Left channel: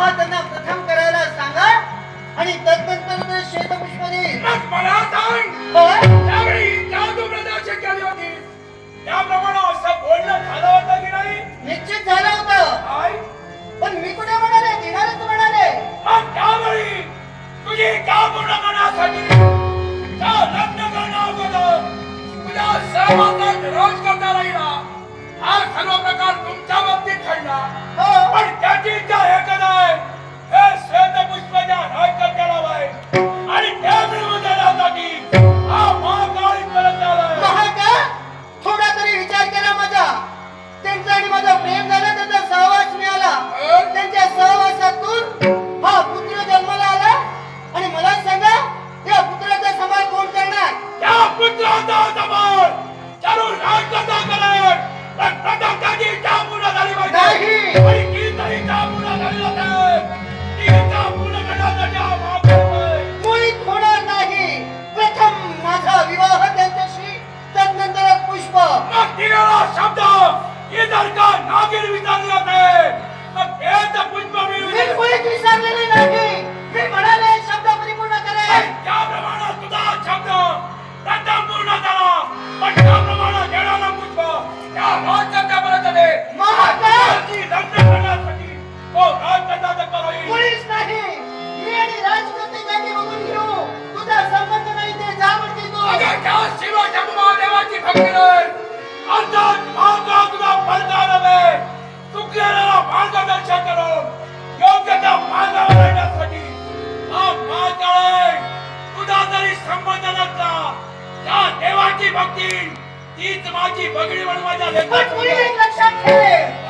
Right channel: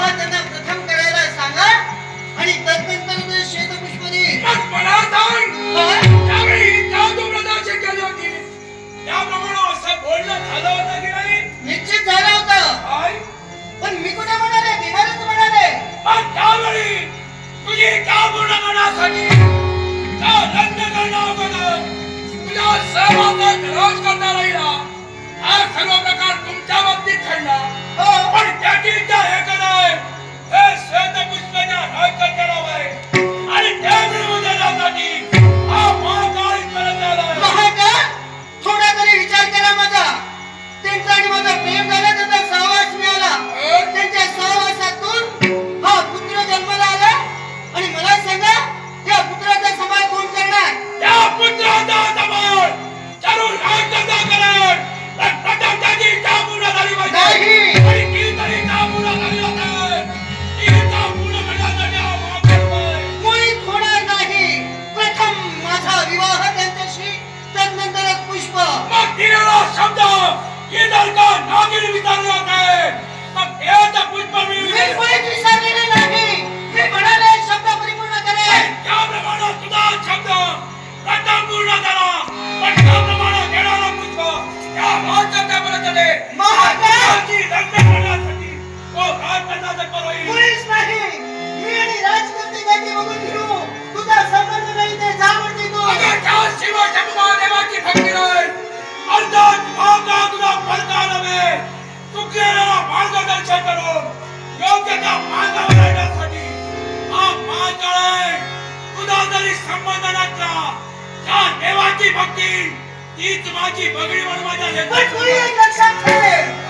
बाबा त्यांना प्रथम करायला सांगा आणि तत्नंतर शेतपुष्पनी सरकार नागिर विचारले होते तर खेळाच्या पुष्पावेळी कोणी विसरलेली नाही मी म्हणाले शब्द परिपूर्ण करे त्याप्रमाणे तुझा शब्द त्याचा पूर्ण झाला पण त्याप्रमाणे घेणारा पुष्प त्या महाराजाच्या परतले महाराजाची लग्न करण्यासाठी तो राजपदा जगत राहील पोलीस नाही मी आणि राजकीय काही बघून घेऊ तुझा संबंध नाही ते जाणून घेतो अगं त्या शिव शंभू महादेवाची भक्ती भारतात मागणा तुझ्या पंचाने चुकलेल्या मार्गदर्शन करून योग्य त्या मार्गावर येण्यासाठी तीच माझी बगडी म्हणून लक्षात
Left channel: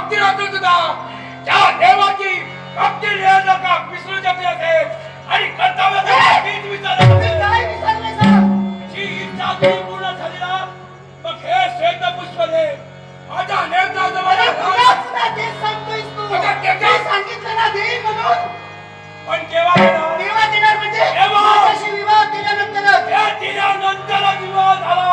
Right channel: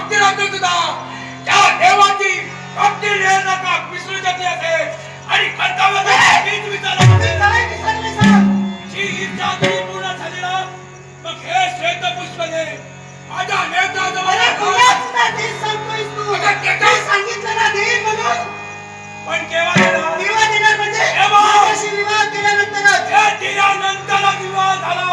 बाबतीत सुद्धा त्या देवाची बाबती लिहाय विसरू शकले असेल आणि जी पूर्ण झाली ना मग हे श्वेत पुष्प दे. माझ्या नेता पण केव्हा देणार केव्हा देणार म्हणजे? विवाह केल्यानंतर केल्यानंतर विवाह झाला.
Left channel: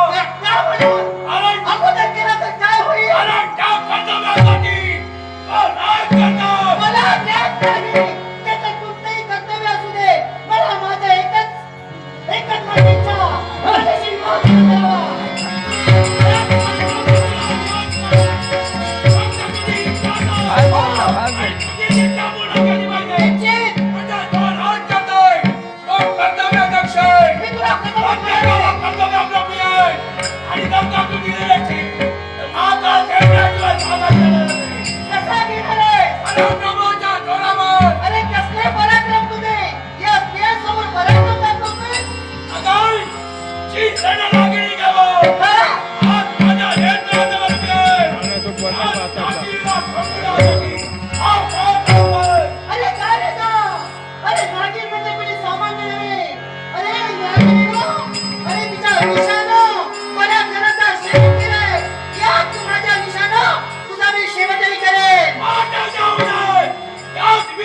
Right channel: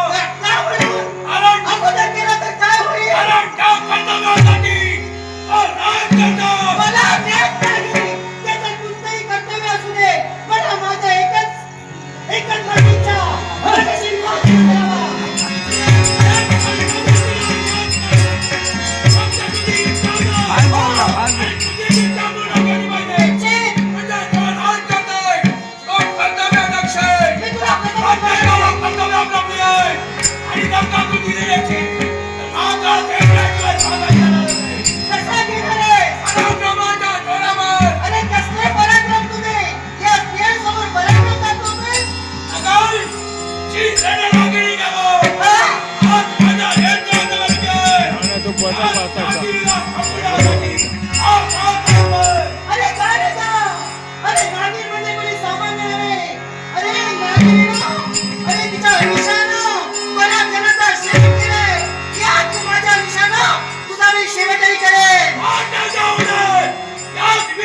Devil,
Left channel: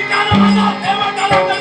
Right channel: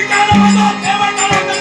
devil, devil, devil.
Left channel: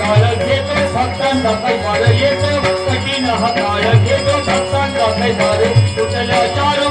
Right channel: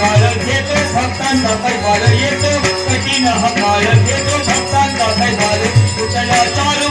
काळ घेतो भक्तांचा पैवार येतो. कठीण हा काळ घेतो भक्तांचा पैवार कुठल्या चार